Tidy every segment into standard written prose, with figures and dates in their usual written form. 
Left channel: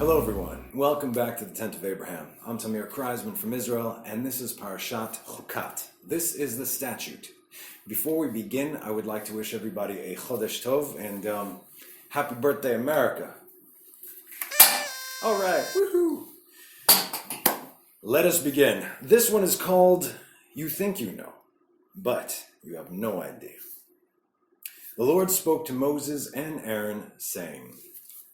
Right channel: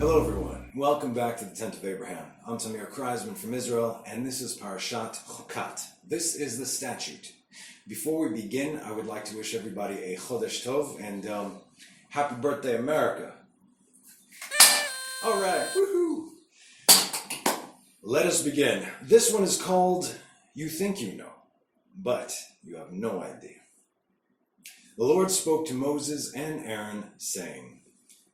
Hello everyone, welcome back to the Tent of Abraham. I'm Tamir Kreisman from Israel, and this is Parashat Chukat. This is the Statute. Before we begin, I would like to wish everybody a Chodesh Tov and happy birthday, America. All right, woohoo! Let us begin. This one is called You Think You Know, but you have no idea. The Lord spoke to Moses and Aaron, saying,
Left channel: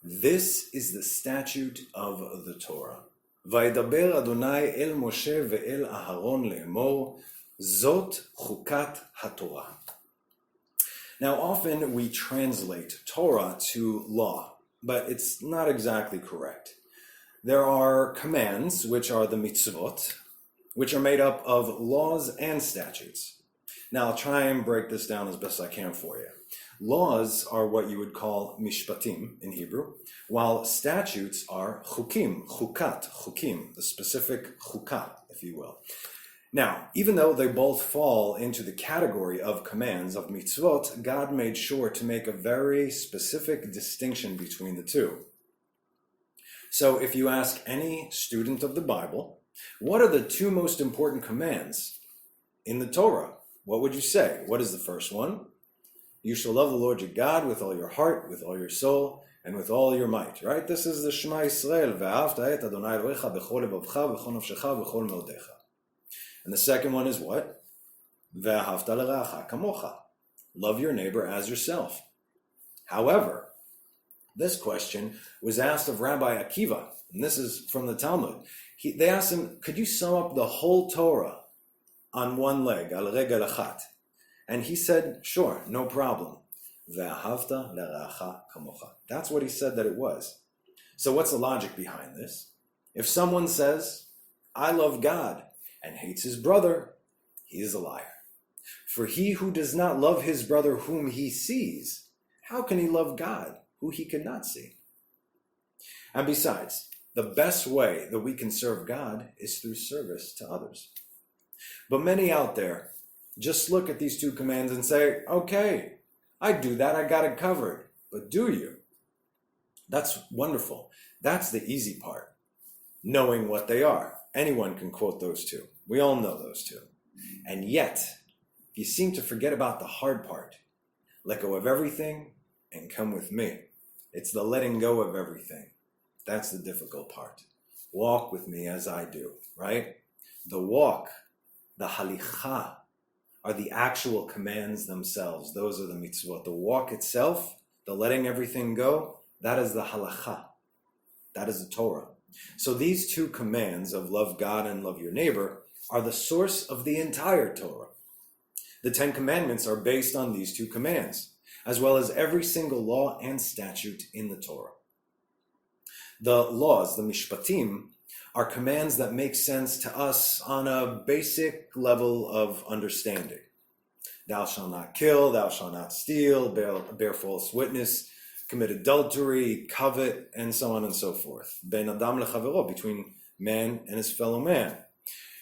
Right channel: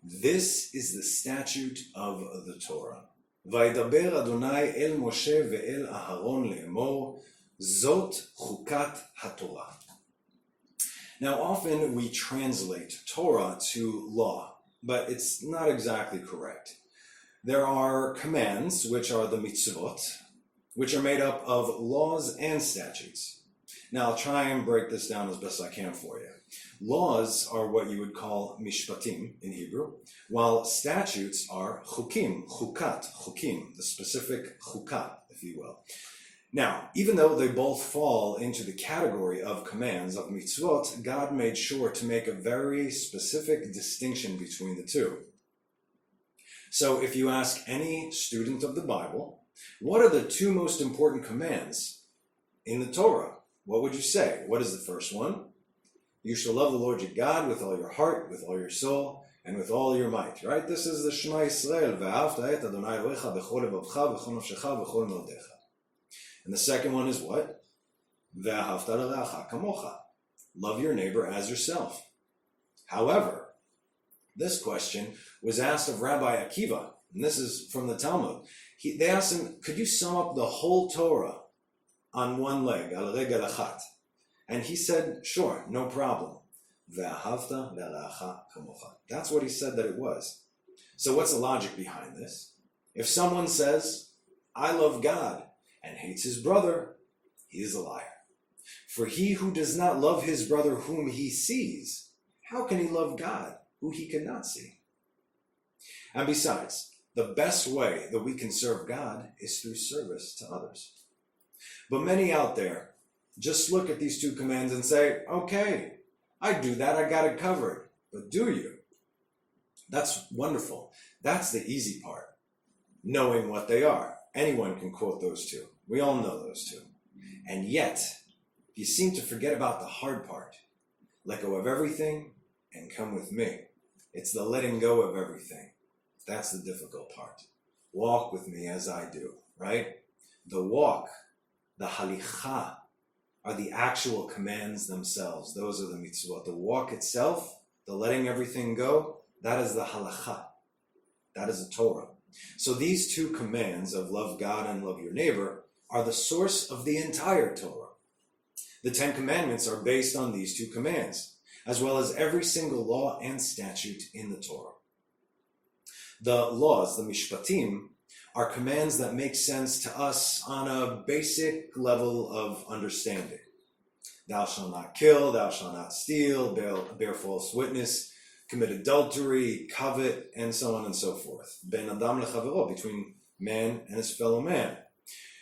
This is the statute of the Torah. Vaydaber Adonai el Moshe ve'el Aharon le'emor, Zot Chukat HaTorah. Now often we translate Torah to law, but it's not exactly correct. There are commands, which are the mitzvot, which are made up of laws and statutes. Now I'll try and break this down as best I can for you. Laws are what you would call mishpatim in Hebrew, while statutes are chukim, chukat, chukim, the specific chukah, if you will. Now, even though they both fall into the category of commands, of mitzvot, God made sure to make a very specific distinction between the two. So if you ask any student of the Bible, what are the two most important commands in the Torah? What would you say? What is the first one? You shall love the Lord your God with all your heart, with all your soul, and with all your might. Right? This is the Shema Yisrael. Ve'ahavta et Adonai Elohecha b'chol levavcha v'chol nafshecha v'chol modecha. And the second one is what? Ve'ahavta l'reacha kamocha. Love your neighbor as yourself. However, this question was asked of Rabbi Akiva, and this is from the Talmud. They asked him, could you sum up the whole Torah on one leg, al regel achat? And he said, sure, no problem. Ve'ahavta l'reacha kamocha. That's what he said that it was. So what's the logic behind this? If someone says, I love God, and hates his brother, he is a liar. For he who does not love his brother whom he sees, how can he love God who he cannot see? And besides, the best way that we can serve God is through service to others. But many out there just look at these two commands and say, okay, I do that, I got it covered. But do you? That's wonderful. That's the easy part, knowing what they are. Anyone can quote those two. We all know those two. And yet, you seem to forget about the hard part. Let go of everything and come with me. It's the letting go of everything. That's the difficult part. Walk with me as I do, right? The walk, the halicha, are the actual commands themselves. Those are the mitzvot. The walk itself, the letting everything go, that is the halacha. That is the Torah. So these two commands of love God and love your neighbor are the source of the entire Torah. The 10 Commandments are based on these two commands, as well as every single law and statute in the Torah. The laws, the mishpatim, are commands that make sense to us on a basic level of understanding. Thou shalt not kill, thou shalt not steal, bear false witness, commit adultery, covet, and so on and so forth. Ben adam lechavero, between man and his fellow man.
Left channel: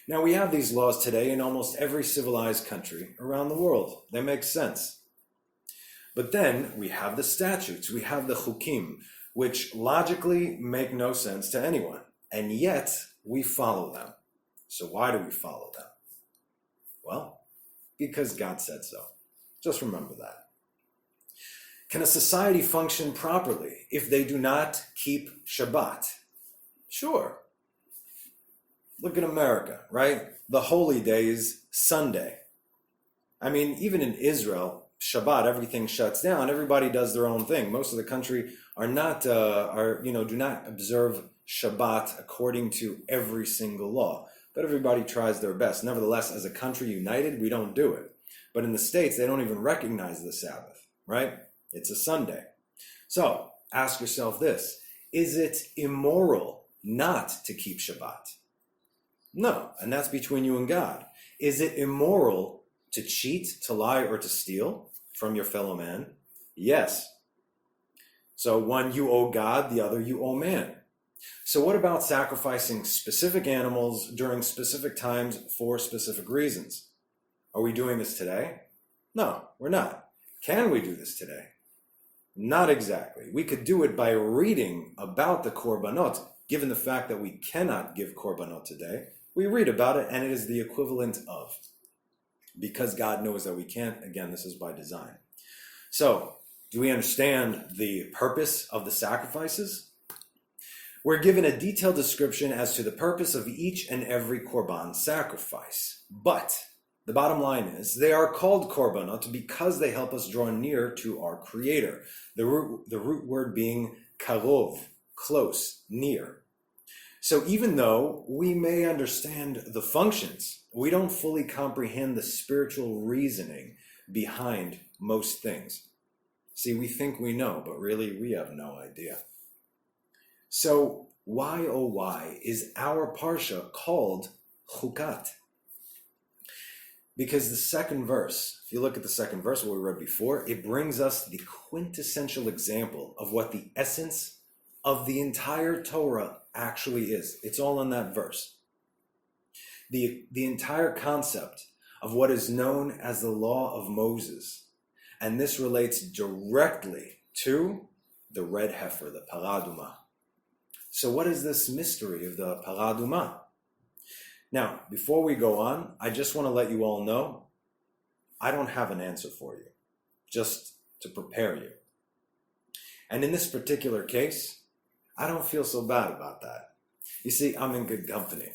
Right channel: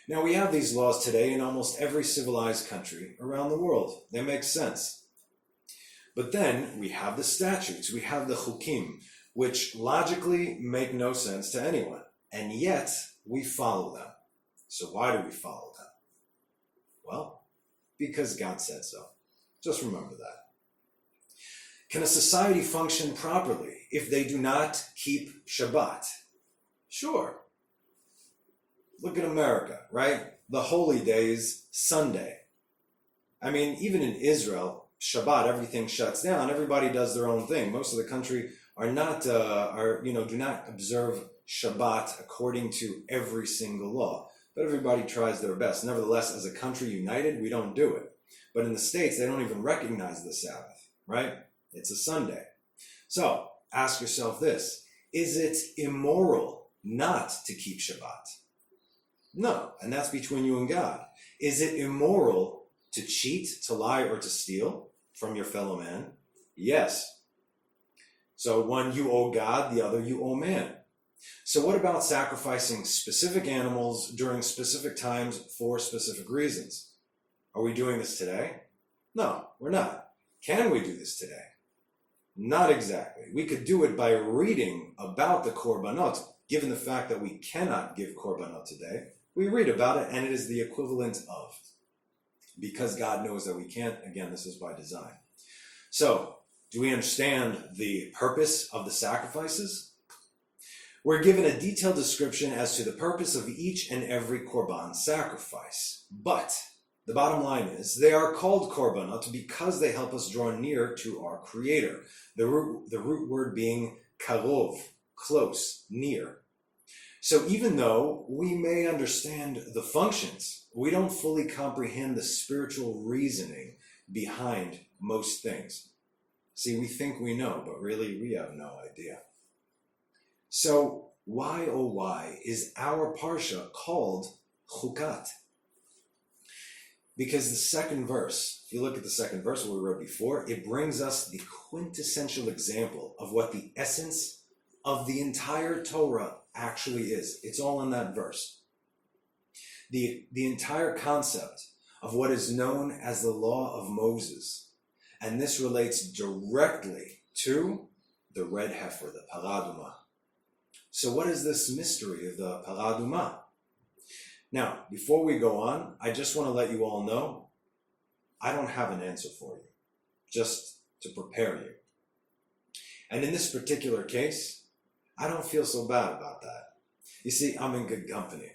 Now we have these laws today in almost every civilized country around the world. They make sense. But then we have the statutes, we have the chukim, which logically make no sense to anyone. And yet, we follow them. So why do we follow them? Well, because God said so. Just remember that. Can a society function properly if they do not keep Shabbat? Sure. Look at America, right? The holy day is Sunday. I mean, even in Israel, Shabbat, everything shuts down. Everybody does their own thing. Most of the country do not observe Shabbat according to every single law, but everybody tries their best. Nevertheless, as a country united, we don't do it. But in the States, they don't even recognize the Sabbath, right? It's a Sunday. So ask yourself this: is it immoral not to keep Shabbat? No, and that's between you and God. Is it immoral to cheat, to lie, or to steal from your fellow man? Yes. So one you owe God, the other you owe man. So what about sacrificing specific animals during specific times for specific reasons? Are we doing this today? No, we're not. Can we do this today? Not exactly. We could do it by reading about the korbanot. Given the fact that we cannot give korbanot today, we read about it and it is the equivalent of. Because God knows that we can't, again, this is by design. So, do we understand the purpose of the sacrifices? We're given a detailed description as to the purpose of each and every korban sacrifice. But the bottom line is they are called korbanot because they help us draw near to our Creator. The root word being karov, close, near. So even though we may understand the functions, we don't fully comprehend the spiritual reasoning behind most things. See, we think we know, but really we have no idea. So why, oh why, is our Parsha called Chukat? Because the second verse, if you look at the second verse, what we read before, it brings us the quintessential example of what the essence of the entire Torah actually is. It's all in that verse. The entire concept of what is known as the law of Moses. And this relates directly to the red heifer, the paraduma. So what is this mystery of the paraduma? Now, before we go on, I just want to let you all know, I don't have an answer for you, just to prepare you. And in this particular case, I don't feel so bad about that. You see, I'm in good company.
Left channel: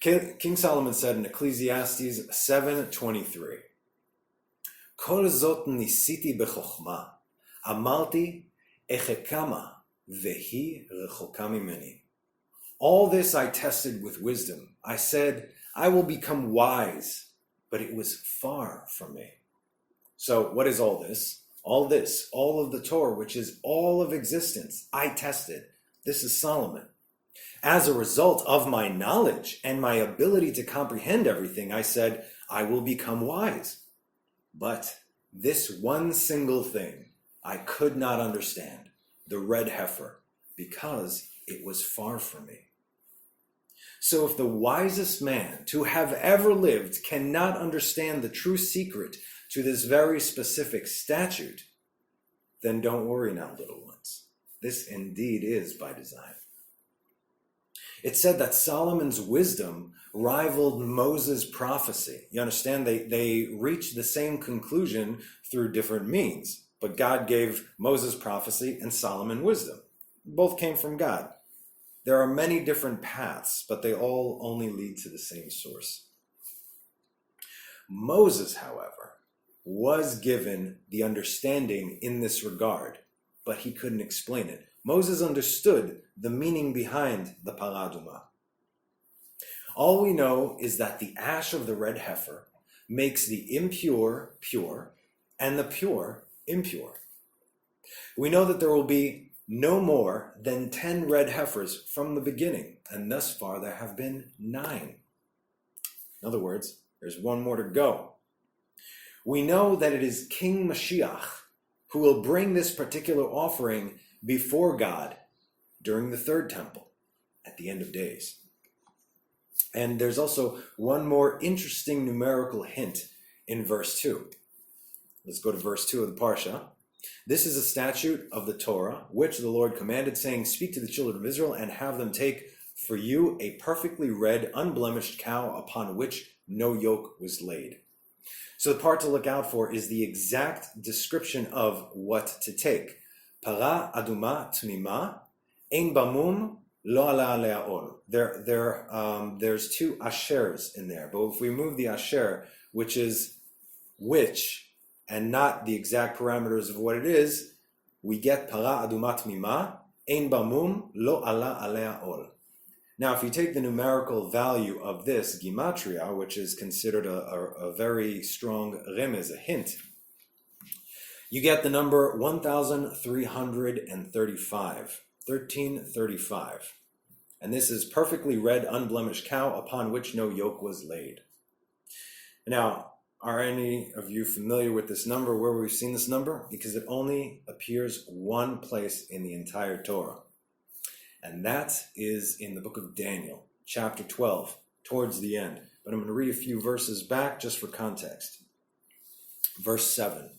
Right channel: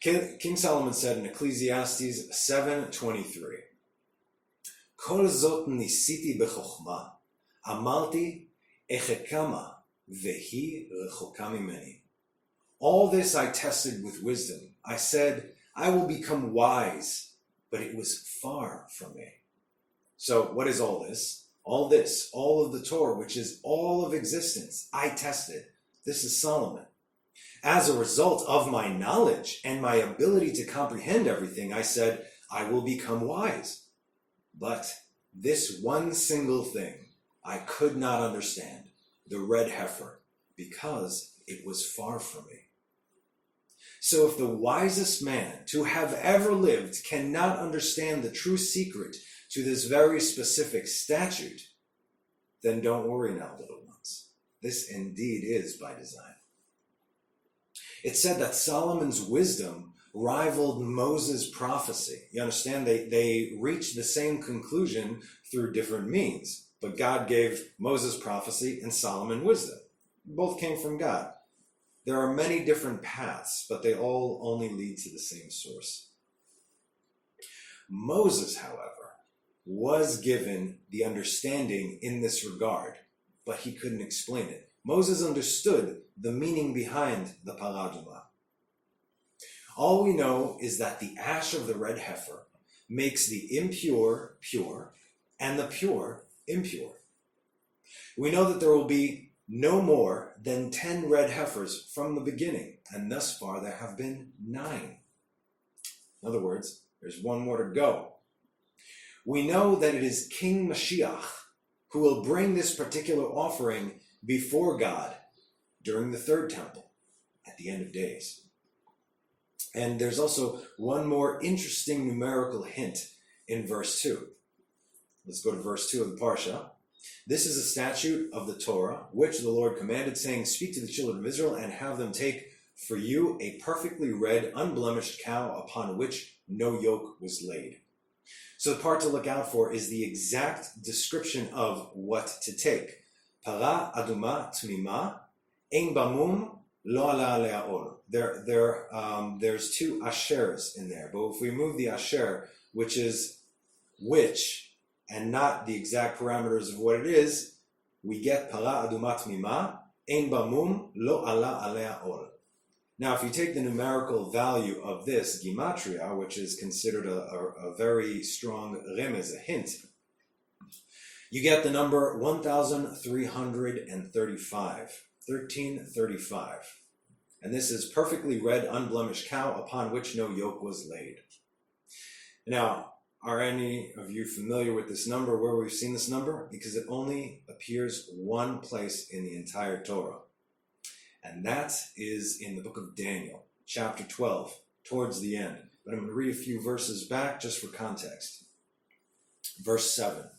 King Solomon said in Ecclesiastes 7:23, Kol zot nisiti bechokhma, amalti echekama vehi rechoka mimeni. All this I tested with wisdom. I said, I will become wise, but it was far from me. So what is all this? All this, all of the Torah, which is all of existence, I tested. This is Solomon. As a result of my knowledge and my ability to comprehend everything, I said, I will become wise. But this one single thing I could not understand, the red heifer, because it was far from me. So if the wisest man to have ever lived cannot understand the true secret to this very specific statute, then don't worry now, little ones. This indeed is by design. It said that Solomon's wisdom rivaled Moses' prophecy. You understand? They reached the same conclusion through different means, but God gave Moses prophecy and Solomon wisdom. Both came from God. There are many different paths, but they all only lead to the same source. Moses, however, was given the understanding in this regard, but he couldn't explain it. Moses understood the meaning behind the paraduma. All we know is that the ash of the red heifer makes the impure pure and the pure impure. We know that there will be no more than 10 red heifers from the beginning, and thus far there have been 9. In other words, there's one more to go. We know that it is King Mashiach who will bring this particular offering before God during the third temple at the end of days. And there's also one more interesting numerical hint in verse 2. Let's go to verse 2 of the Parsha. This is a statute of the Torah, which the Lord commanded, saying, Speak to the children of Israel and have them take for you a perfectly red, unblemished cow upon which no yoke was laid. So the part to look out for is the exact description of what to take. Para aduma tmima, ein bamum lo ala alea ol. There's 2 ashers in there, but if we move the asher, which is which, and not the exact parameters of what it is, we get para aduma tmima, ein bamum lo ala alea ol. Now, if you take the numerical value of this gematria, which is considered a very strong remez, a hint, you get the number 1,335, 1335. And this is perfectly red, unblemished cow upon which no yoke was laid. Now, are any of you familiar with this number, where we've seen this number? Because it only appears one place in the entire Torah. And that is in the book of Daniel, chapter 12, towards the end. But I'm going to read a few verses back just for context. Verse 7.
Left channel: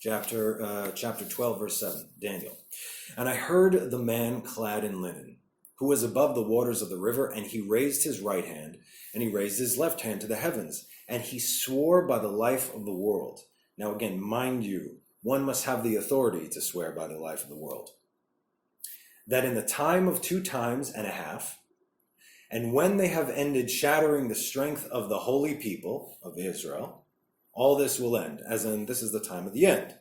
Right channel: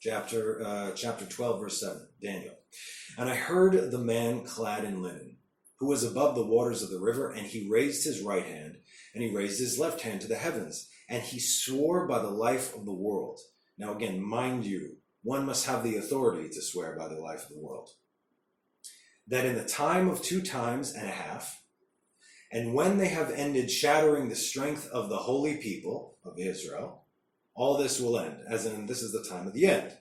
chapter 12, verse 7, Daniel. And I heard the man clad in linen, who was above the waters of the river, and he raised his right hand, and he raised his left hand to the heavens, and he swore by the life of the world. Now again, mind you, one must have the authority to swear by the life of the world. That in the time of 2 times and a half, and when they have ended shattering the strength of the holy people of Israel, all this will end, as in this is the time of the end.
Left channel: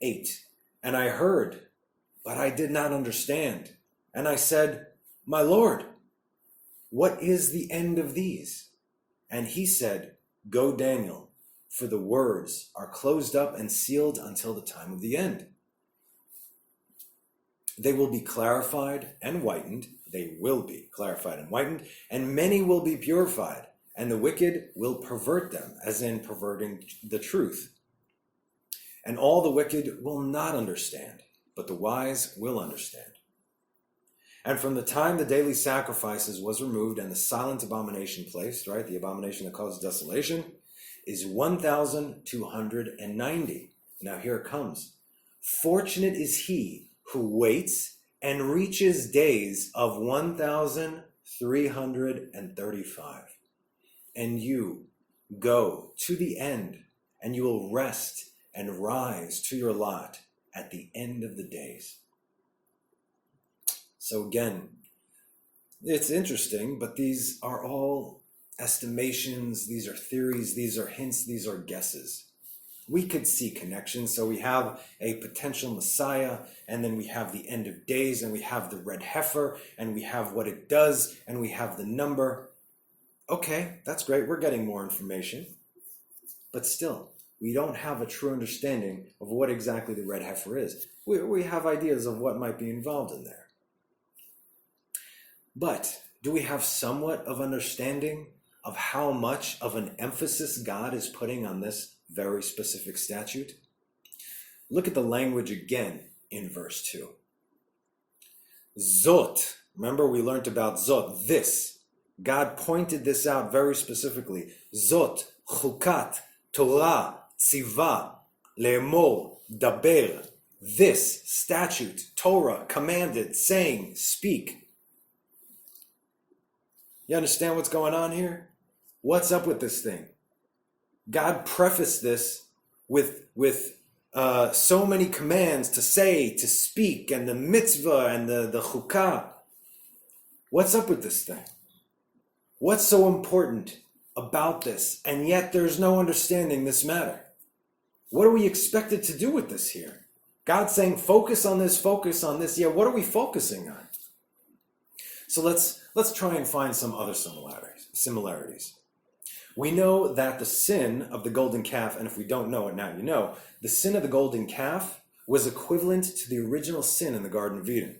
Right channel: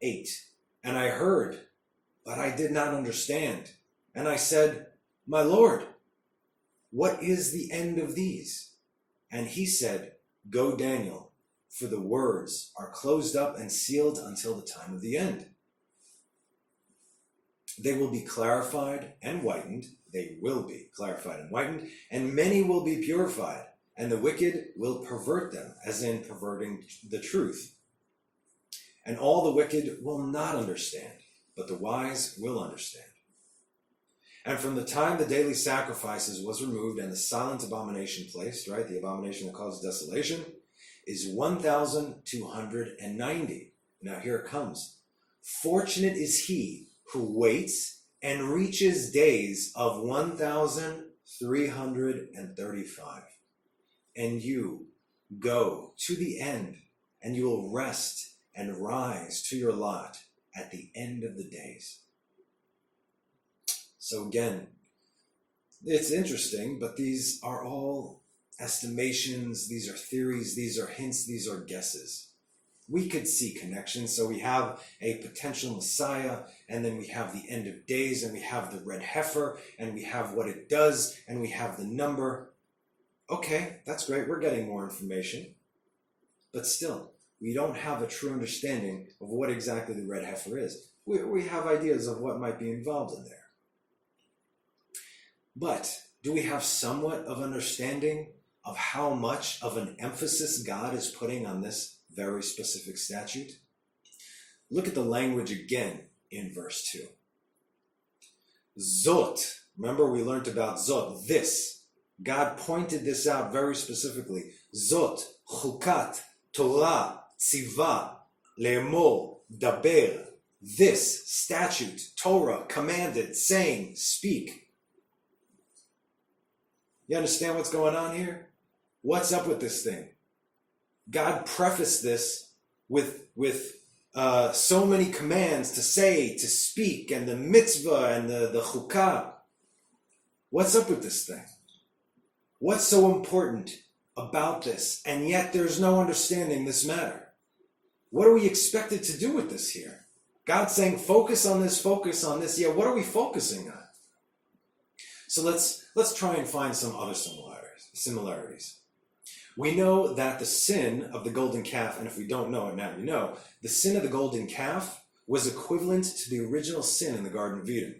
8, and I heard, but I did not understand. And I said, my Lord, what is the end of these? And he said, go, Daniel, for the words are closed up and sealed until the time of the end. They will be clarified and whitened. They will be clarified and whitened, and many will be purified, and the wicked will pervert them, as in perverting the truth. And all the wicked will not understand, but the wise will understand. And from the time the daily sacrifices was removed and the silent abomination placed, right, the abomination that causes desolation, is 1,290. Now here it comes. Fortunate is he who waits and reaches days of 1,335. And you go to the end, and you will rest and rise to your lot at the end of the days. So again, it's interesting, but these are all estimations, these are theories, these are hints, these are guesses. We could see connections. So we have a potential Messiah, and then we have the end of days, and we have the red heifer, and we have what it does, and we have the number. Okay, that's great. We're getting more information. But still, we don't have a true understanding of what exactly the red heifer is. We have ideas of what might be involved in there. But do we have somewhat of understanding of how much of an emphasis God is putting on this very specific statute? Look at the language again in verse 2. Zot. Remember we learned about Zot, this. God pointed this out very specifically. Zot, Chukat, Torah, Tziva, Le'emor, Daber. This statute, Torah, commanded, saying, speak. You understand what's going on here? What's up with this thing? God prefaced this with so many commands to say, to speak, and the mitzvah, and the chukah. What's up with this thing? What's so important about this? And yet there's no understanding this matter. What are we expected to do with this here? God's saying, focus on this, focus on this. Yeah, what are we focusing on? So let's try and find some other similarities. We know that the sin of the golden calf, and if we don't know it now, you know, the sin of the golden calf was equivalent to the original sin in the Garden of Eden.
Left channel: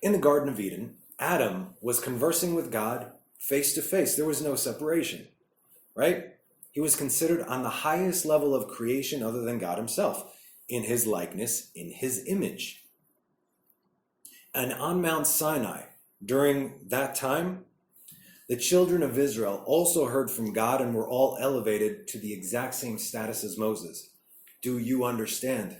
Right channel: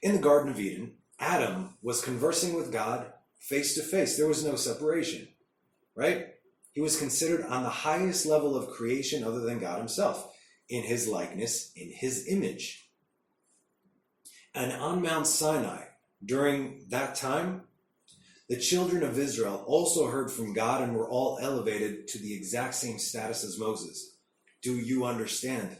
In the Garden of Eden, Adam was conversing with God face to face. There was no separation, right? He was considered on the highest level of creation other than God himself, in his likeness, in his image. And on Mount Sinai, during that time, the children of Israel also heard from God and were all elevated to the exact same status as Moses. Do you understand?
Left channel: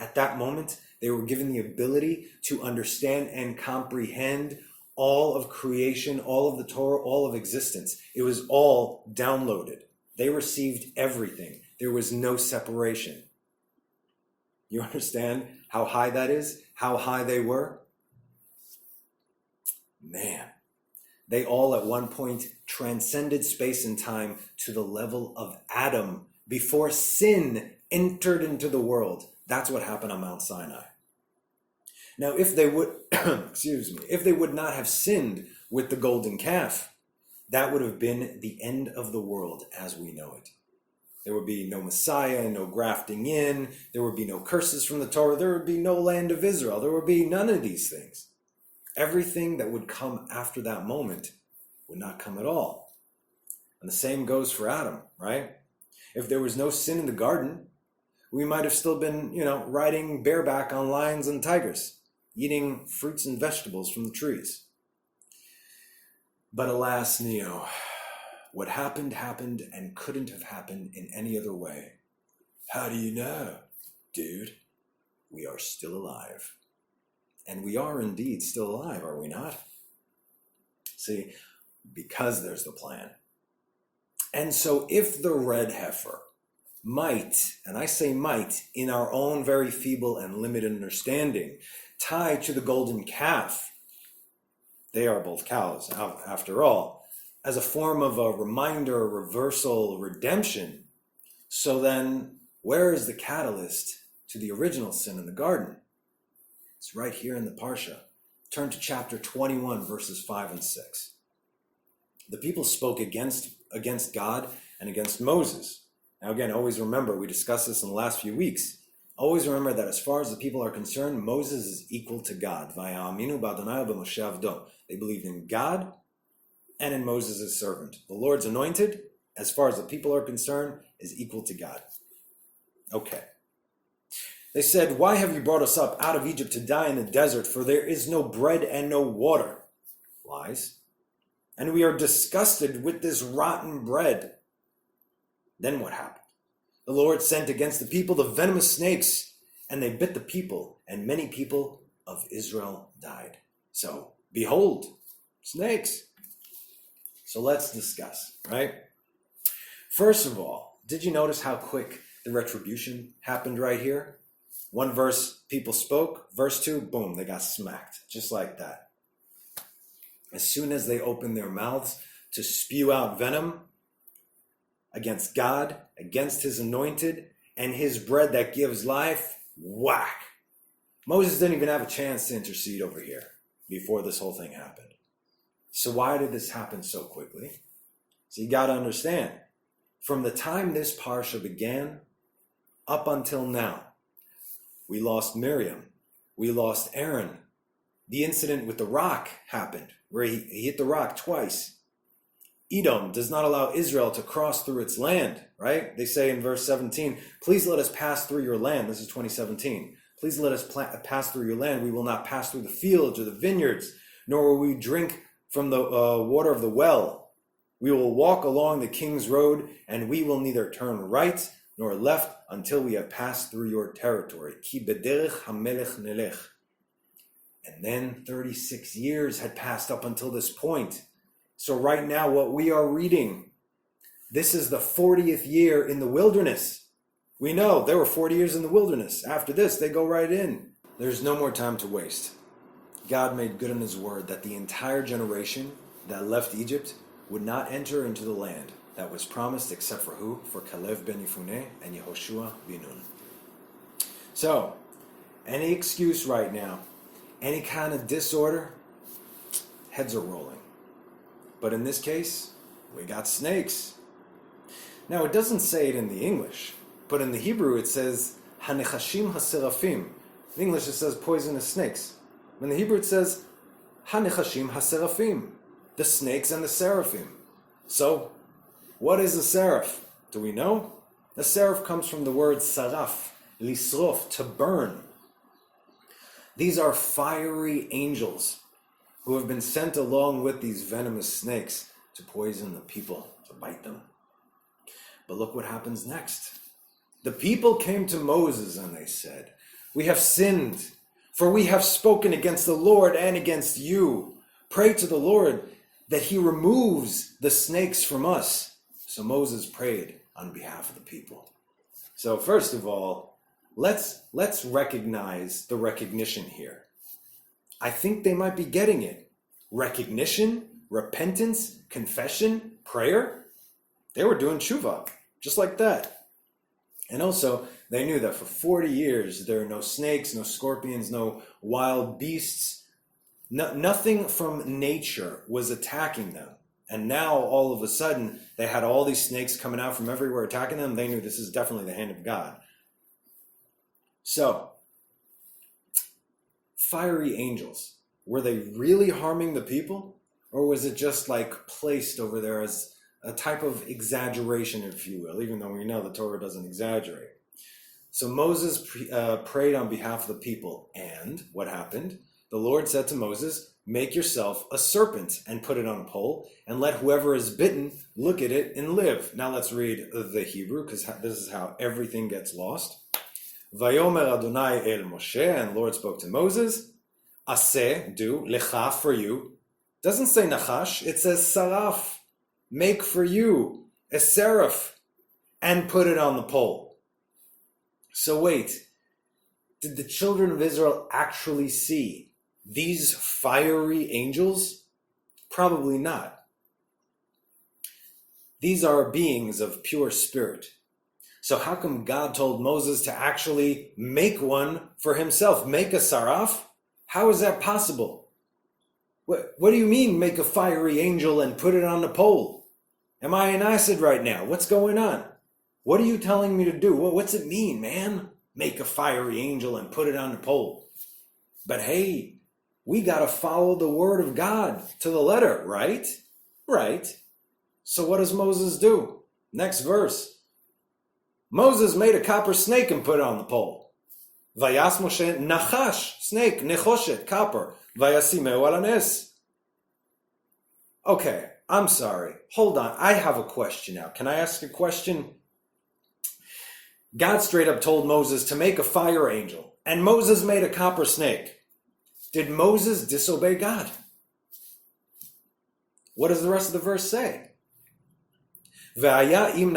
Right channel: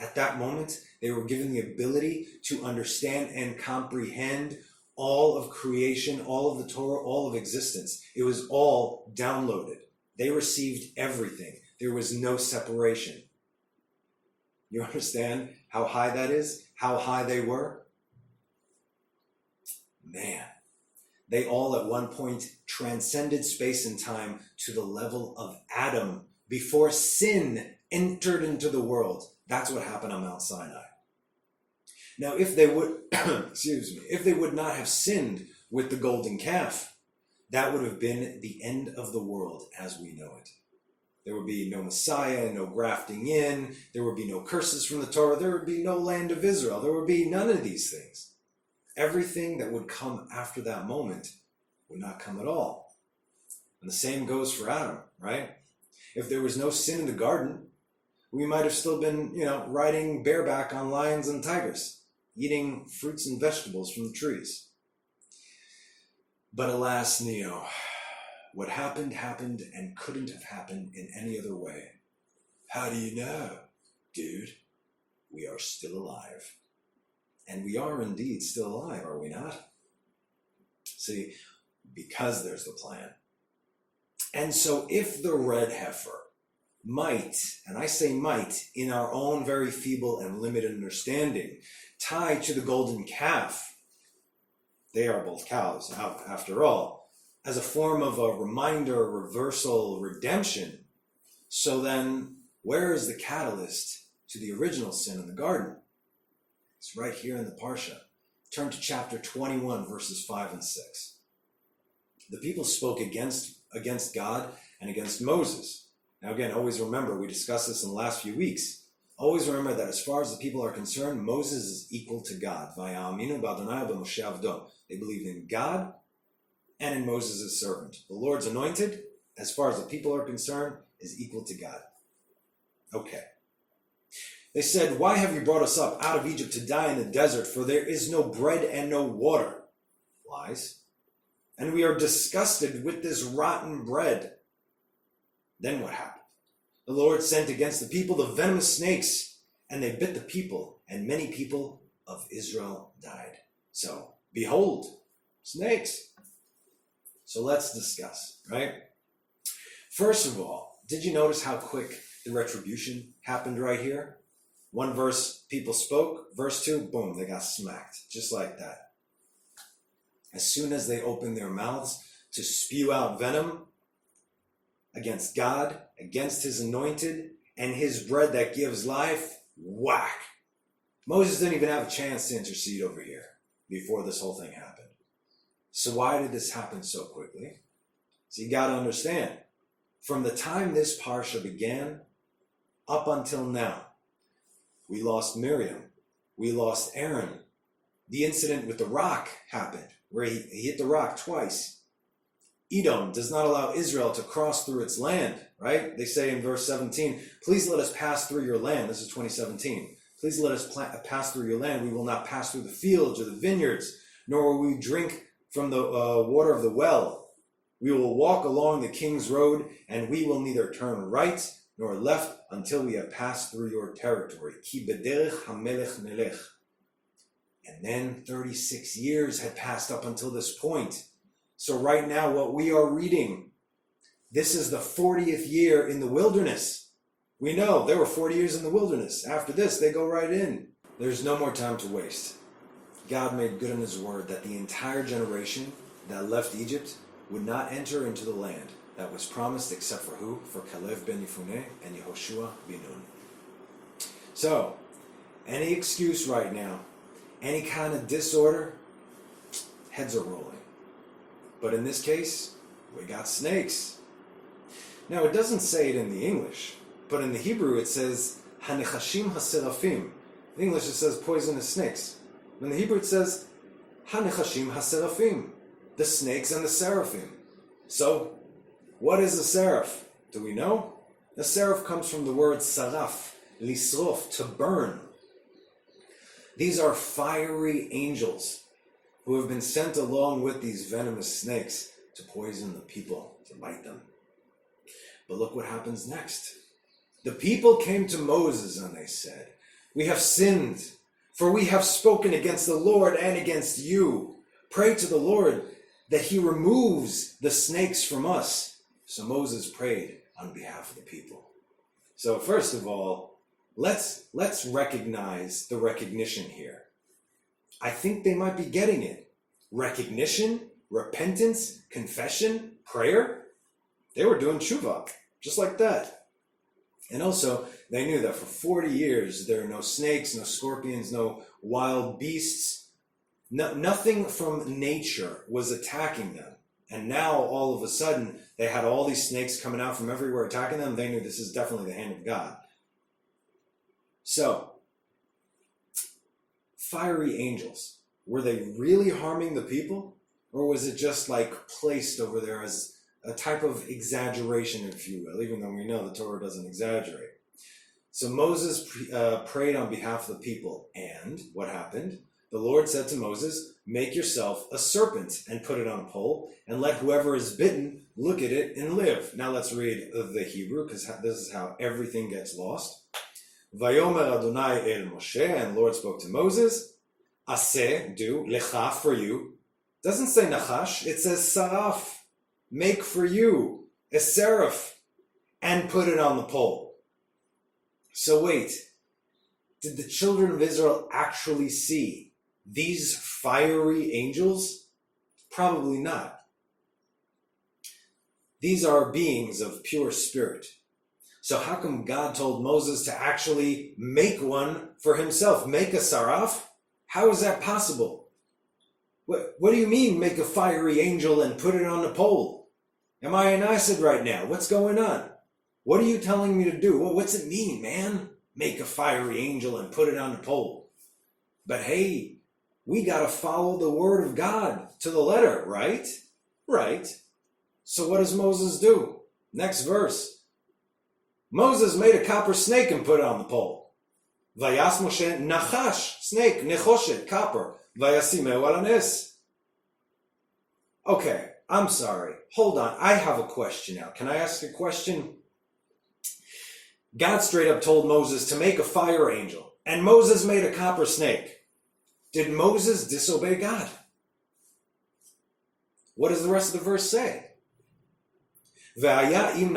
At that moment, they were given the ability to understand and comprehend all of creation, all of the Torah, all of existence. It was all downloaded. They received everything. There was no separation. You understand how high that is? How high they were? Man, they all at one point transcended space and time to the level of Adam before sin entered into the world. That's what happened on Mount Sinai. Now, if they would, if they would not have sinned with the golden calf, that would have been the end of the world as we know it. There would be no Messiah, no grafting in, there would be no curses from the Torah, there would be no land of Israel, there would be none of these things. Everything that would come after that moment would not come at all. And the same goes for Adam, right? If there was no sin in the garden, we might have still been, riding bareback on lions and tigers, eating fruits and vegetables from the trees. But alas, Neo, what happened and couldn't have happened in any other way. How do you know? Dude, we are still alive. And we are indeed still alive, are we not? See, because there's the plan. And so if the red heifer might, and I say might, in our own very feeble and limited understanding, tie to the golden calf, they are both cows, after all, as a form of a reminder, reversal, redemption. So then, where is the catalyst to the original sin in the garden? It's right here in the Parsha. Turn to chapter 21, verses 5 and 6. The people spoke against God and against Moses. Now again, always remember, we discussed this in the last few weeks. Always remember that as far as the people are concerned, Moses is equal to God. They believed in God and in Moses' servant. The Lord's anointed, as far as the people are concerned, is equal to God. Okay. They said, why have you brought us up out of Egypt to die in the desert? For there is no bread and no water. Lies. And we are disgusted with this rotten bread. Then what happened? The Lord sent against the people the venomous snakes, and they bit the people, and many people of Israel died. So, behold, snakes. So let's discuss, right? First of all, did you notice how quick the retribution happened right here? One verse, people spoke. Verse 2, boom, they got smacked. Just like that. As soon as they opened their mouths to spew out venom against God, against his anointed, and his bread that gives life, whack. Moses didn't even have a chance to intercede over here before this whole thing happened. So why did this happen so quickly? So you got to understand, from the time this Parsha began up until now, we lost Miriam, we lost Aaron. The incident with the rock happened, where he hit the rock twice. Edom does not allow Israel to cross through its land, right? They say in verse 17, please let us pass through your land. This is 2017. Please let us pass through your land. We will not pass through the fields or the vineyards, nor will we drink from the water of the well. We will walk along the king's road, and we will neither turn right nor left until we have passed through your territory. Ki bederech hamelech nelech. And then 36 years had passed up until this point. So right now, what we are reading, this is the 40th year in the wilderness. We know there were 40 years in the wilderness. After this, they go right in. There's no more time to waste. God made good in his word that the entire generation that left Egypt would not enter into the land that was promised except for who? For Caleb ben Yefuneh and Yehoshua ben Nun. So, any excuse right now, any kind of disorder, heads are rolling. But in this case, we got snakes. Now, it doesn't say it in the English, but in the Hebrew it says, Hanechashim haserafim. In English it says poisonous snakes. In the Hebrew it says, Hanechashim haserafim. The snakes and the seraphim. So, what is a seraph? Do we know? A seraph comes from the word saraf, lisrof, to burn. These are fiery angels who have been sent along with these venomous snakes to poison the people, to bite them. But look what happens next. The people came to Moses and they said, we have sinned, for we have spoken against the Lord and against you. Pray to the Lord that he removes the snakes from us. So Moses prayed on behalf of the people. So first of all, let's recognize the recognition here. I think they might be getting it. Recognition, repentance, confession, prayer. They were doing tshuva, just like that. And also, they knew that for 40 years, there are no snakes, no scorpions, no wild beasts. Nothing from nature was attacking them. And now, all of a sudden, they had all these snakes coming out from everywhere attacking them. They knew this is definitely the hand of God. So, fiery angels, were they really harming the people? Or was it just like placed over there as a type of exaggeration, if you will, even though we know the Torah doesn't exaggerate? So Moses prayed on behalf of the people. And what happened? The Lord said to Moses, make yourself a serpent and put it on a pole, and let whoever is bitten look at it and live. Now let's read the Hebrew, because this is how everything gets lost. Vayomer Adonai el Moshe, and the Lord spoke to Moses, Aseh, do, lecha, for you. Doesn't say nachash, it says saraf, make for you a seraph, and put it on the pole. So wait, did the children of Israel actually see these fiery angels? Probably not. These are beings of pure spirit. So how come God told Moses to actually make one for himself? Make a saraf? How is that possible? What do you mean, make a fiery angel and put it on the pole? Am I in acid right now? What's going on? What are you telling me to do? What's it mean, man? Make a fiery angel and put it on the pole. But hey, we got to follow the word of God to the letter, right? Right. So what does Moses do? Next verse. Moses made a copper snake and put it on the pole. Vayas Moshe nachash, snake, nechoshet, copper, vayasimeu al hanes. Okay, I'm sorry. Hold on. I have a question now. Can I ask a question? God straight up told Moses to make a fire angel, and Moses made a copper snake. Did Moses disobey God? What does the rest of the verse say? והיה אם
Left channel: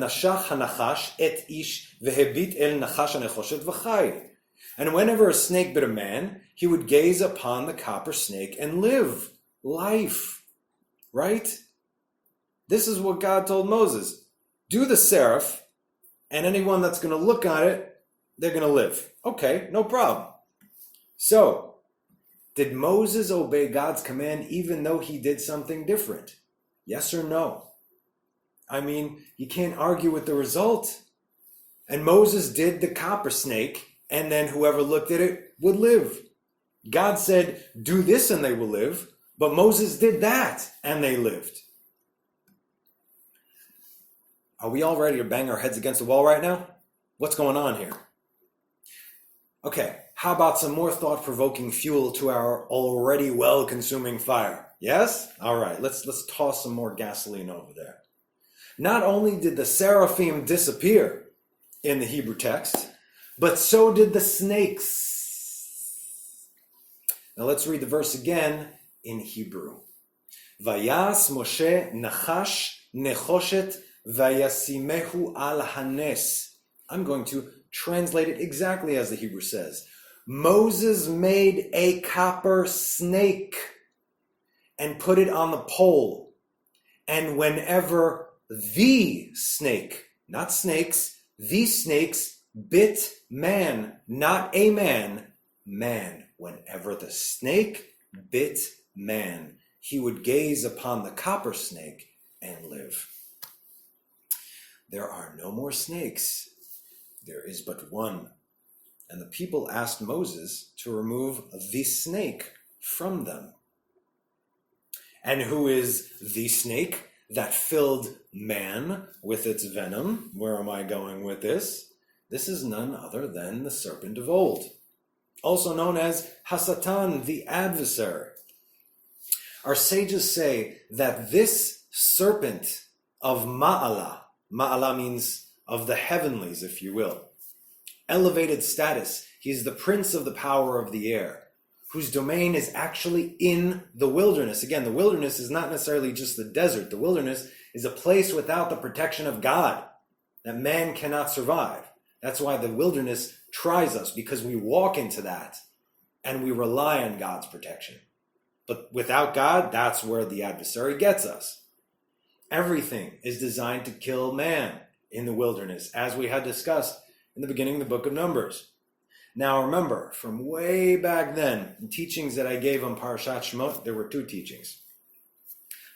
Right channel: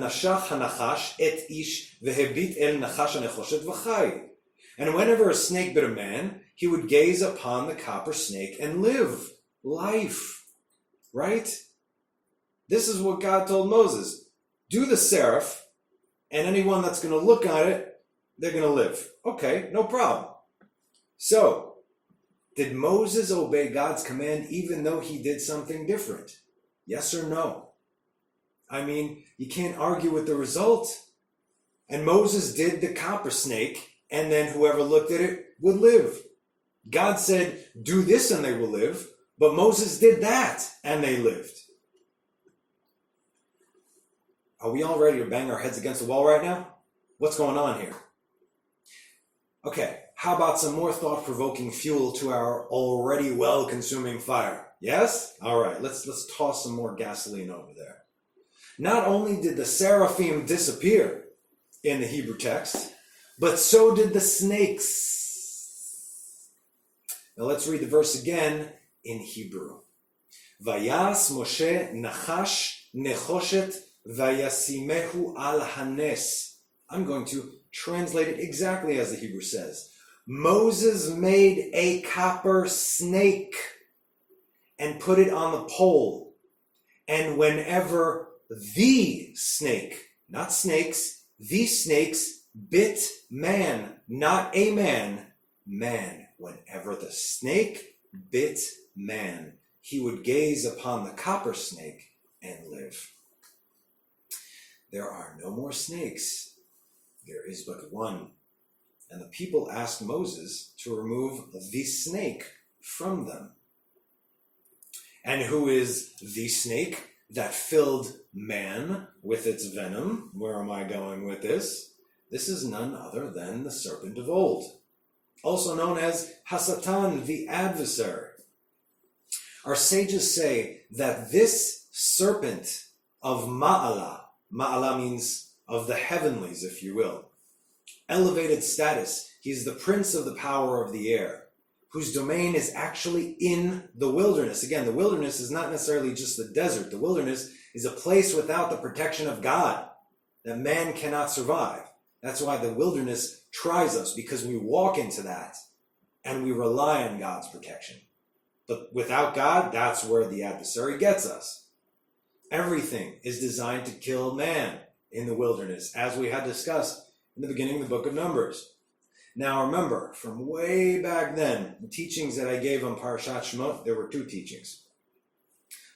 נשך הנחש את איש והביט אל נחש הנחושת וחי. And whenever a snake bit a man, he would gaze upon the copper snake and live. Life. Right? This is what God told Moses. Do the seraph, and anyone that's going to look at it, they're going to live. Okay, no problem. So, did Moses obey God's command even though he did something different? Yes or no? I mean, you can't argue with the result. And Moses did the copper snake, and then whoever looked at it would live. God said, do this and they will live, but Moses did that and they lived. Are we all ready to bang our heads against the wall right now? What's going on here? Okay, how about some more thought-provoking fuel to our already well-consuming fire? Yes? All right, let's toss some more gasoline over there. Not only did the seraphim disappear in the Hebrew text, but so did the snakes. Now let's read the verse again in Hebrew. Vayas Moshe nachash nechoshet vayasimehu al hanes. I'm going to translate it exactly as the Hebrew says. Moses made a copper snake and put it on the pole. And whenever the snake, not snakes, the snakes bit man, not a man, man. Whenever the snake bit man, he would gaze upon the copper snake and live. There are no more snakes. There is but one. And the people asked Moses to remove the snake from them. And who is the snake that filled man with its venom? Where am I going with this? This is none other than the serpent of old, also known as Hasatan, the adversary. Our sages say that this serpent of Ma'ala means of the heavenlies, if you will, elevated status. He's the prince of the power of the air, whose domain is actually in the wilderness. Again, the wilderness is not necessarily just the desert. The wilderness is a place without the protection of God that man cannot survive. That's why the wilderness tries us, because we walk into that and we rely on God's protection. But without God, that's where the adversary gets us. Everything is designed to kill man in the wilderness, as we had discussed in the beginning of the book of Numbers. Now remember, from way back then, the teachings that I gave on Parashat Chukat, there were two teachings.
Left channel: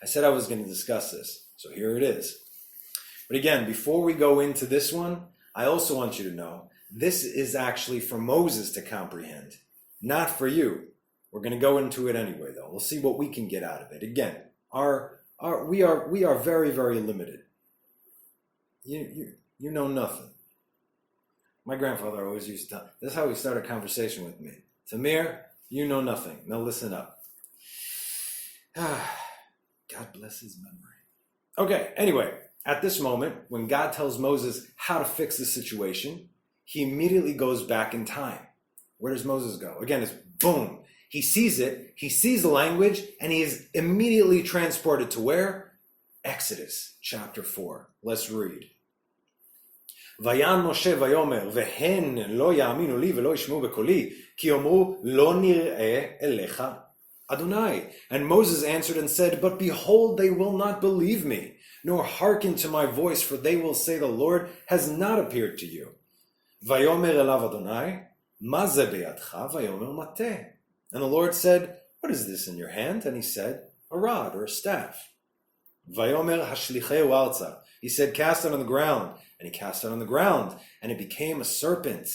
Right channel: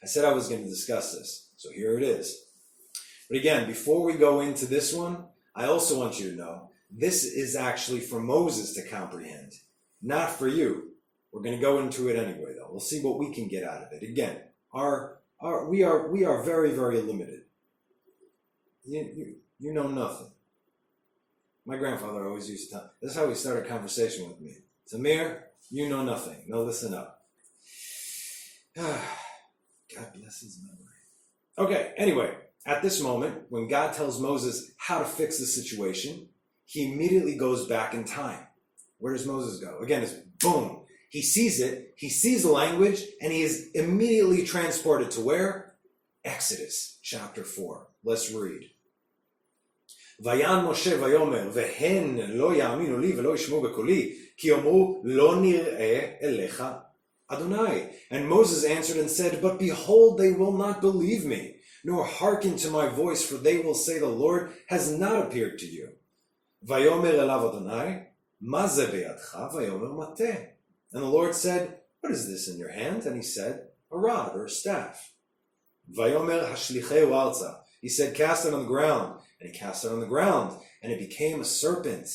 I said I was going to discuss this, so here it is. But again, before we go into this one, I also want you to know, this is actually for Moses to comprehend, not for you. We're going to go into it anyway, though. We'll see what we can get out of it. Again, we are very, very limited. You know nothing. My grandfather always used to tell, this is how he started a conversation with me. Tamir, you know nothing. Now listen up. God bless his memory. Okay, anyway, at this moment, when God tells Moses how to fix the situation, he immediately goes back in time. Where does Moses go? Again, it's boom. He sees it, he sees the language, and he is immediately transported to where? Exodus chapter 4. Let's read. ויען משה ויאמר, והן לא יאמינו לי ולא ישמעו בקולי, כי יאמרו לא נראה אליך Adonai. And Moses answered and said, but behold, they will not believe me, nor hearken to my voice, for they will say, the Lord has not appeared to you. ויאמר אליו אדוני, מה זה בידך? ויאמר מטה. And the Lord said, what is this in your hand? And he said, a rod or a staff. ויאמר השליחהו ארצה. He said, cast it on the ground. And he cast it on the ground, and it became a serpent.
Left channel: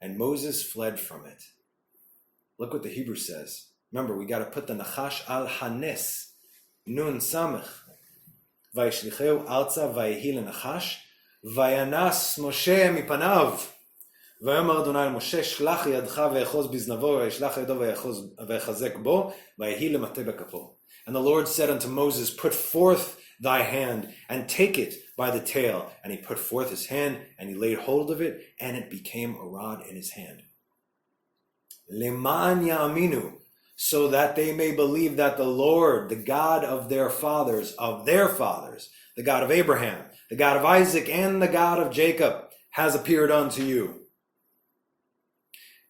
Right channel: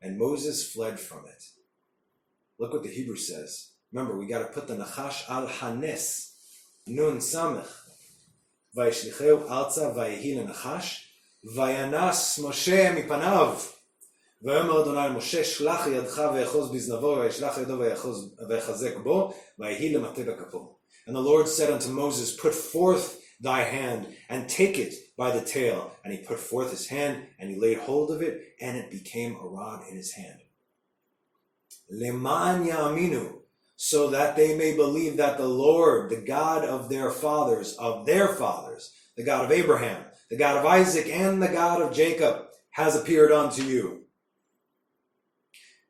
And Moses fled from it. Look what the Hebrew says. Remember, we got to put the nachash al hanes. Nun samech. Vayishlicheu alza vayehi lenachash. Vayanas Moshe mipanav. Vayomer Adonai Moshe, shlach yadcha ve'echos biznavo, vayishlach yado ve'echazek bo, vayehi lemate bekapo. And the Lord said unto Moses, put forth thy hand, and take it by the tail. And he put forth his hand, and he laid hold of it, and it became a rod in his hand. Leman ya'aminu, so that they may believe that the Lord, the God of their fathers, the God of Abraham, the God of Isaac, and the God of Jacob, has appeared unto you.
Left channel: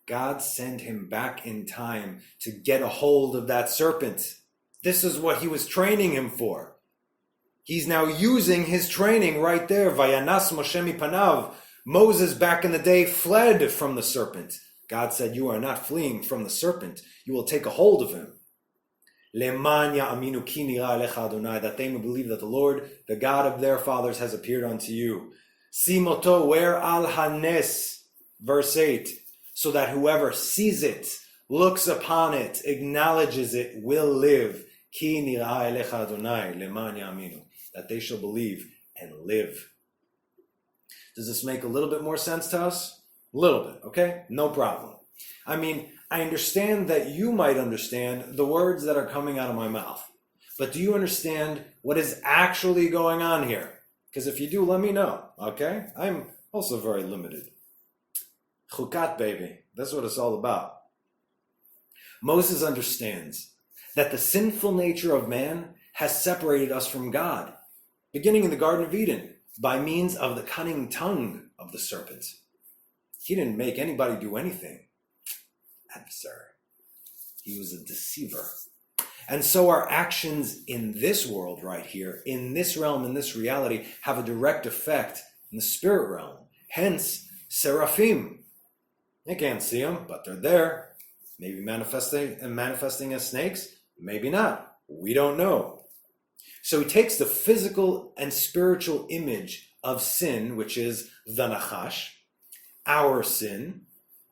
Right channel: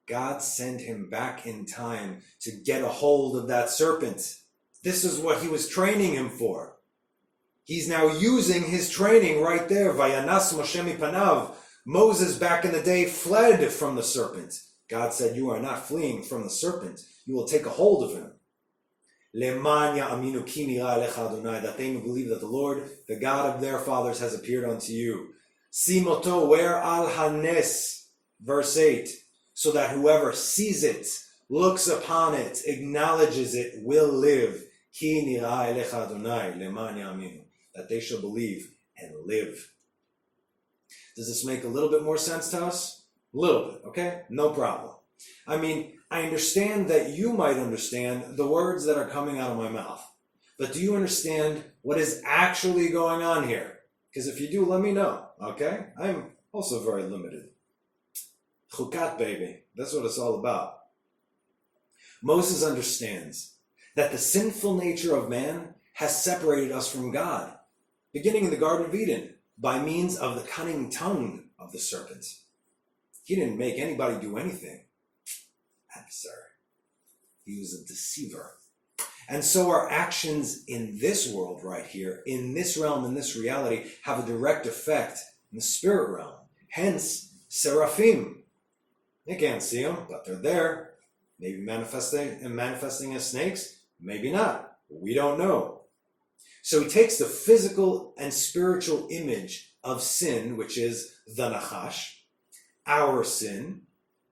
God sent him back in time to get a hold of that serpent. This is what he was training him for. He's now using his training right there. Vayanas Moshe mipanav. Moses back in the day fled from the serpent. God said, you are not fleeing from the serpent. You will take a hold of him. Leman ya'aminu ki nira elecha Adonai, that they may believe that the Lord, the God of their fathers, has appeared unto you. Simoto, where al hanes, verse 8, so that whoever sees it, looks upon it, acknowledges it, will live. Ki nira elecha Adonai, leman ya'aminu, that they shall believe and live. Does this make a little bit more sense to us? A little bit, okay? No problem. I mean, I understand that you might understand the words that are coming out of my mouth. But do you understand what is actually going on here? Because if you do, let me know, okay? I'm also very limited. Chukat, baby. That's what it's all about. Moses understands that the sinful nature of man has separated us from God, beginning in the Garden of Eden, by means of the cunning tongue of the serpent. He didn't make anybody do anything. Adversary. He was a deceiver. And so our actions in this world right here, in this realm, in this reality, have a direct effect in the spirit realm. Hence, seraphim. You can't see them, but they're there. Maybe manifesting as snakes, maybe not. We don't know. So he takes the physical and spiritual image of sin, which is the nachash, our sin.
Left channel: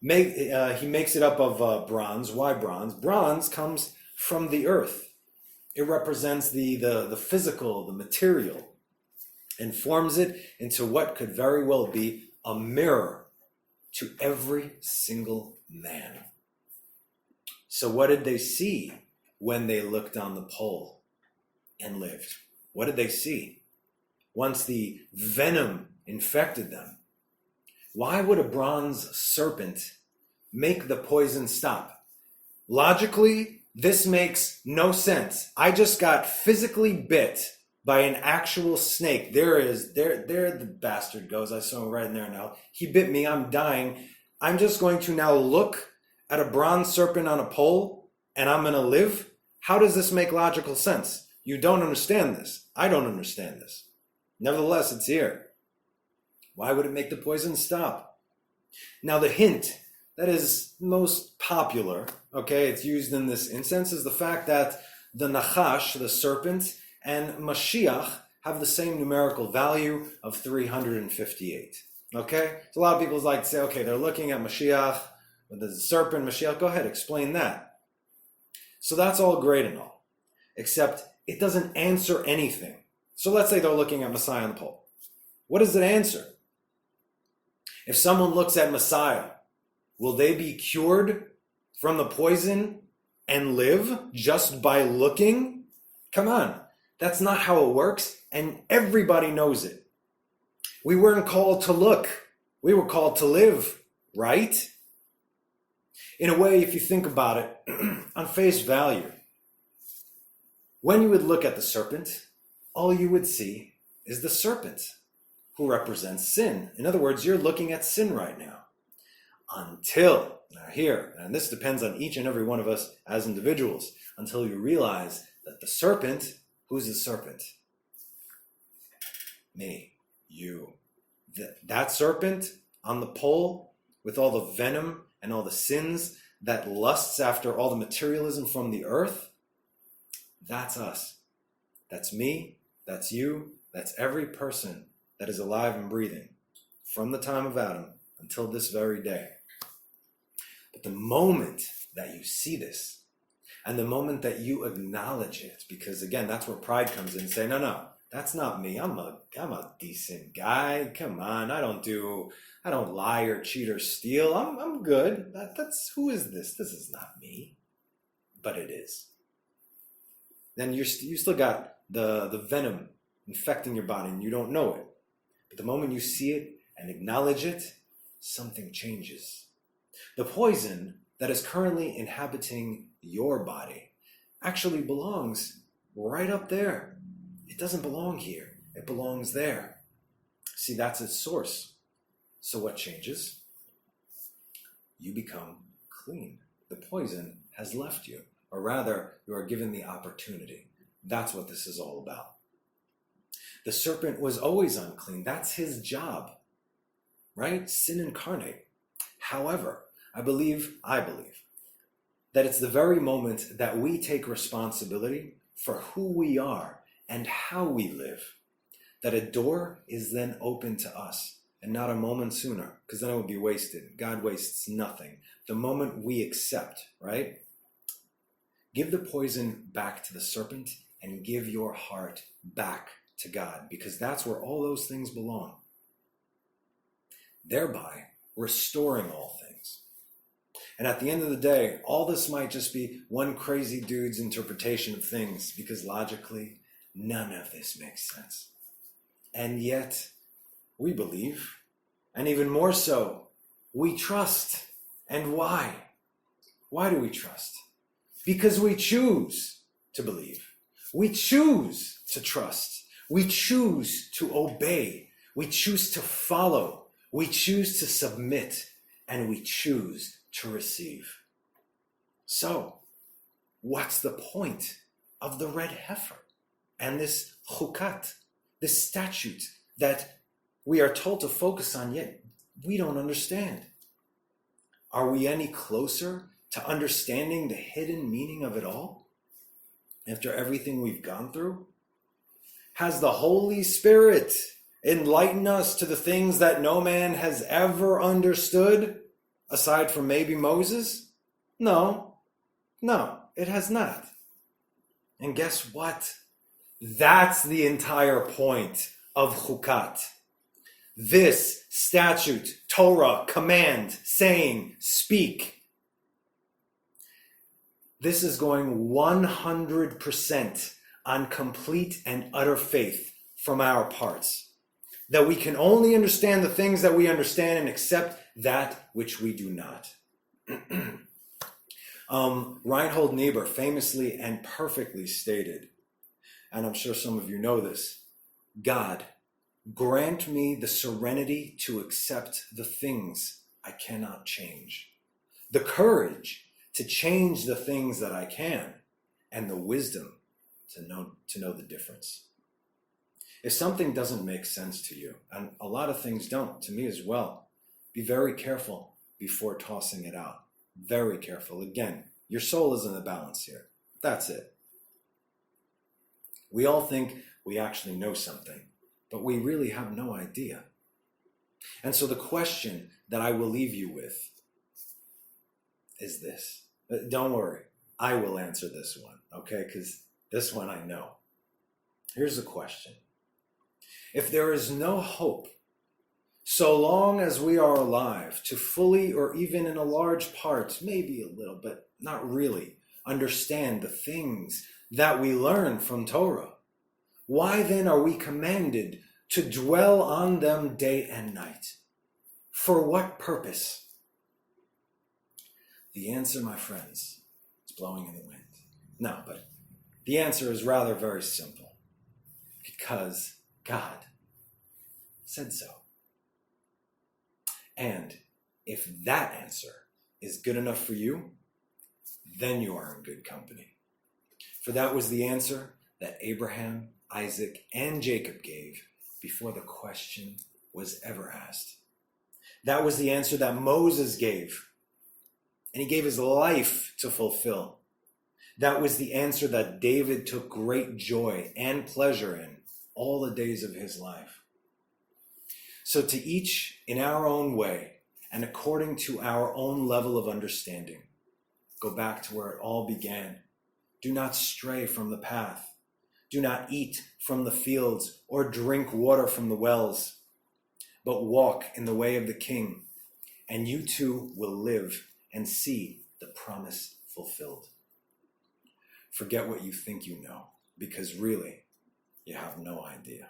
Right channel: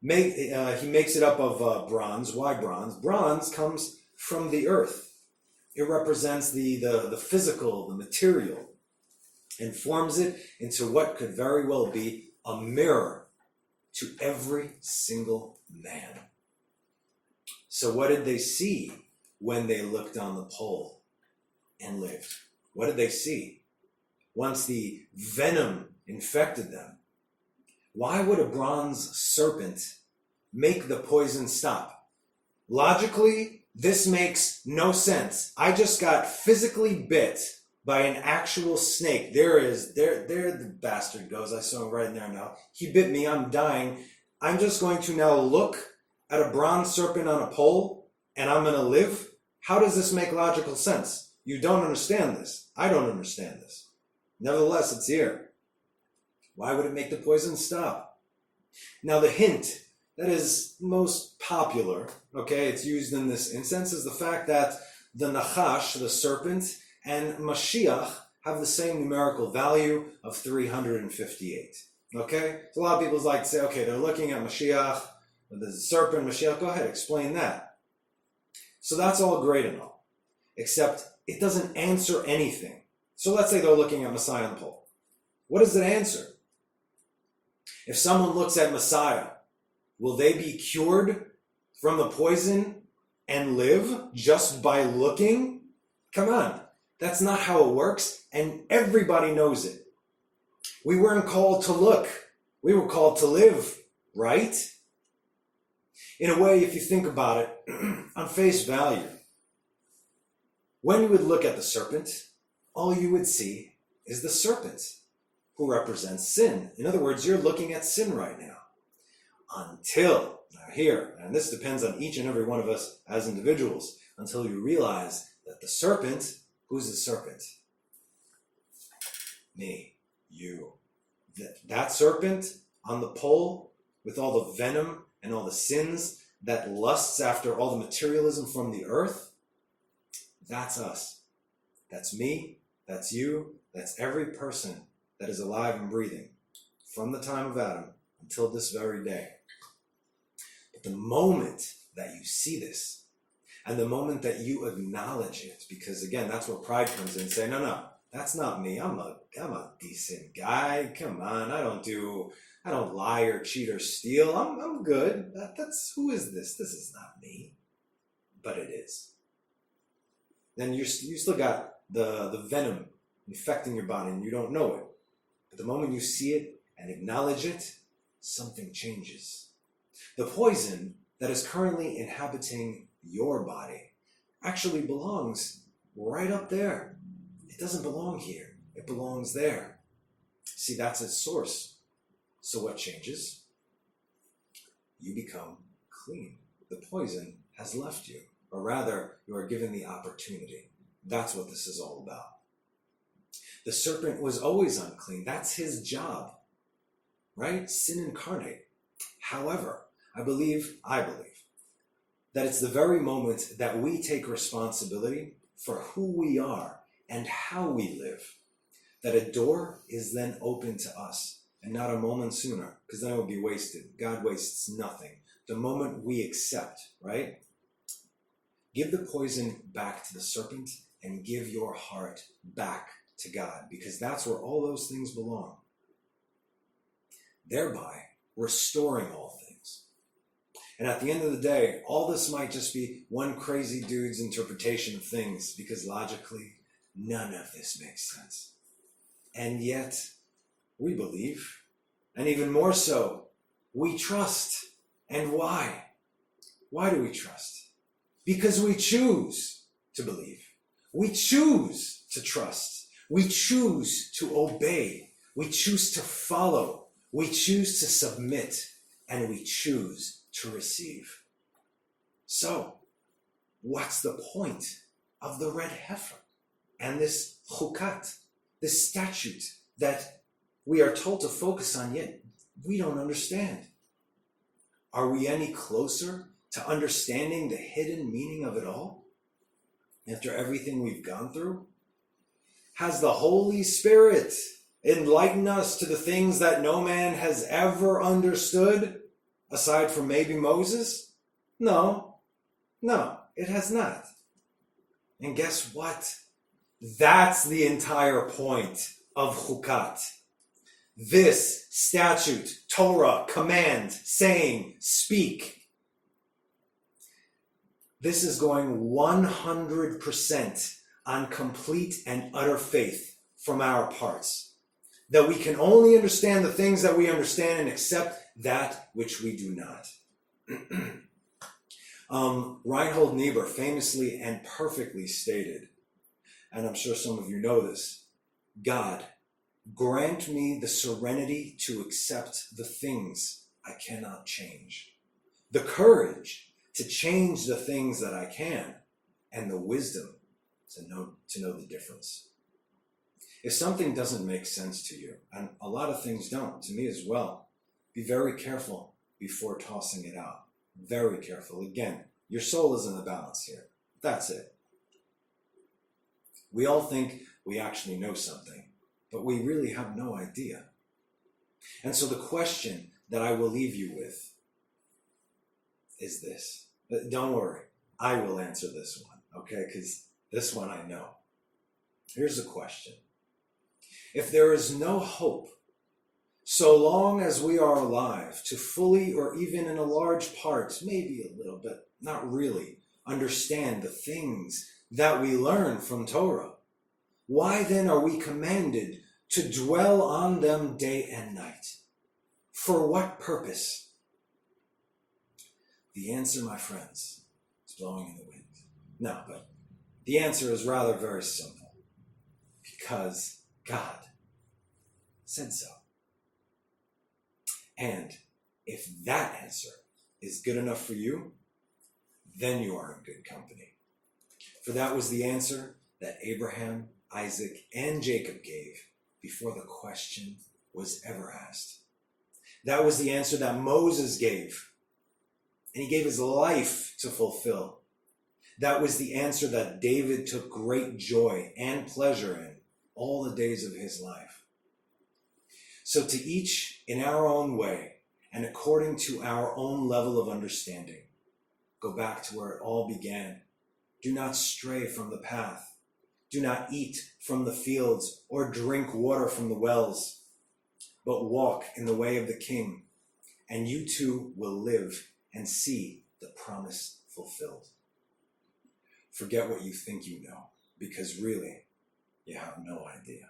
He makes it up of bronze. Why bronze? Bronze comes from the earth. It represents the physical, the material, and forms it into what could very well be a mirror to every single man. So what did they see when they looked down the pole and lived? What did they see once the venom infected them? Why would a bronze serpent make the poison stop? Logically, this makes no sense. I just got physically bit by an actual snake. There the bastard goes. I saw him right in there now. He bit me. I'm dying. I'm just going to now look at a bronze serpent on a pole and I'm going to live? How does this make logical sense? You don't understand this. I don't understand this. Nevertheless, it's here. Why would it make the poison stop? Now, the hint that is most popular, okay, it's used in this instance, is the fact that the nachash, the serpent, and Mashiach have the same numerical value of 358. Okay? So a lot of people like to say, okay, they're looking at Mashiach, the serpent, Mashiach, go ahead, explain that. So that's all great and all, except it doesn't answer anything. So let's say they're looking at Messiah on the pole. What does it answer? If someone looks at Messiah, will they be cured from the poison and live just by looking Come on, that's not how it works, and everybody knows it. We weren't called to look, we were called to live, right? In a way, if you think about it, on face value, when you would look at the serpent, all you would see is the serpent, who represents sin. In other words, you're looking at sin right now. Until, now here, and this depends on each and every one of us as individuals, until you realize that the serpent, who's the serpent? Me, you. That serpent on the pole with all the venom and all the sins that lusts after all the materialism from the earth, that's us. That's me, that's you, that's every person that is alive and breathing from the time of Adam until this very day. But the moment that you see this, and the moment that you acknowledge it, because again, that's where pride comes in, say, no, that's not me. I'm a decent guy. Come on, I don't lie or cheat or steal. I'm good. That's who is this? This is not me. But it is. Then you still got the venom infecting your body and you don't know it. But the moment you see it and acknowledge it, something changes. The poison that is currently inhabiting your body actually belongs right up there. It doesn't belong here. It belongs there. See, that's its source. So what changes? You become clean. The poison has left you, or rather, you are given the opportunity. That's what this is all about. The serpent was always unclean. That's his job, right? Sin incarnate. However, I believe that it's the very moment that we take responsibility for who we are and how we live, that a door is then open to us, and not a moment sooner, because then it would be wasted. God wastes nothing. The moment we accept, right? Give the poison back to the serpent and give your heart back to God, because that's where all those things belong. Thereby, restoring all things. And at the end of the day, all this might just be one crazy dude's interpretation of things, because logically, none of this makes sense. And yet, we believe, and even more so, we trust. And why? Why do we trust? Because we choose to believe. We choose to trust. We choose to obey. We choose to follow. We choose to submit. And we choose to receive. So, what's the point of the red heifer and this chukat, this statute that we are told to focus on, yet we don't understand? Are we any closer to understanding the hidden meaning of it all after everything we've gone through? Has the Holy Spirit enlightened us to the things that no man has ever understood, aside from maybe Moses? No, it has not. And guess what? That's the entire point of Chukat. This statute, Torah, command, saying, speak. This is going 100% on complete and utter faith from our parts. That we can only understand the things that we understand and accept that which we do not. Reinhold Niebuhr famously and perfectly stated, and I'm sure some of you know this, God, grant me the serenity to accept the things I cannot change, the courage to change the things that I can, and the wisdom to know the difference. If something doesn't make sense to you, and a lot of things don't, to me as well, be very careful before tossing it out. Very careful. Again, your soul is in the balance here. That's it. We all think we actually know something, but we really have no idea. And so the question that I will leave you with is this. Don't worry, I will answer this one, okay? Because this one I know. Here's the question. If there is no hope, so long as we are alive to fully, or even in a large part, maybe a little, but not really, understand the things that we learn from Torah. Why then are we commanded to dwell on them day and night? For what purpose? The answer, my friends, is blowing in the wind. No, but the answer is rather very simple. Because God said so. And if that answer is good enough for you, then you are in good company. For that was the answer that Abraham, Isaac, and Jacob gave before the question was ever asked. That was the answer that Moses gave, and he gave his life to fulfill. That was the answer that David took great joy and pleasure in all the days of his life. So to each in our own way, and according to our own level of understanding, go back to where it all began. Do not stray from the path. Do not eat from the fields or drink water from the wells, but walk in the way of the King, and you too will live and see the promise fulfilled. Forget what you think you know, because really, you have no idea.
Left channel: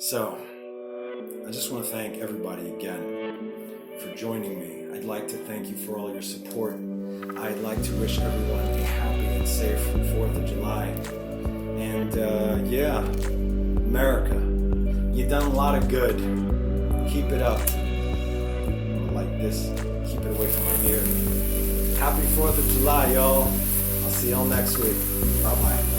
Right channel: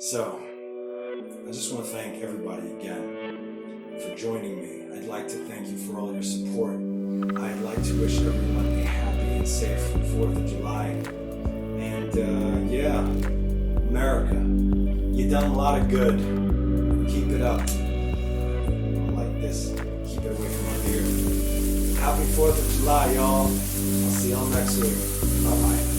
So, I just want to thank everybody again for joining me. I'd like to thank you for all your support. I'd like to wish everyone a happy and safe 4th of July. And America, you've done a lot of good. Keep it up. Like this, keep it away from my beard. Happy 4th of July, y'all. I'll see y'all next week. Bye-bye.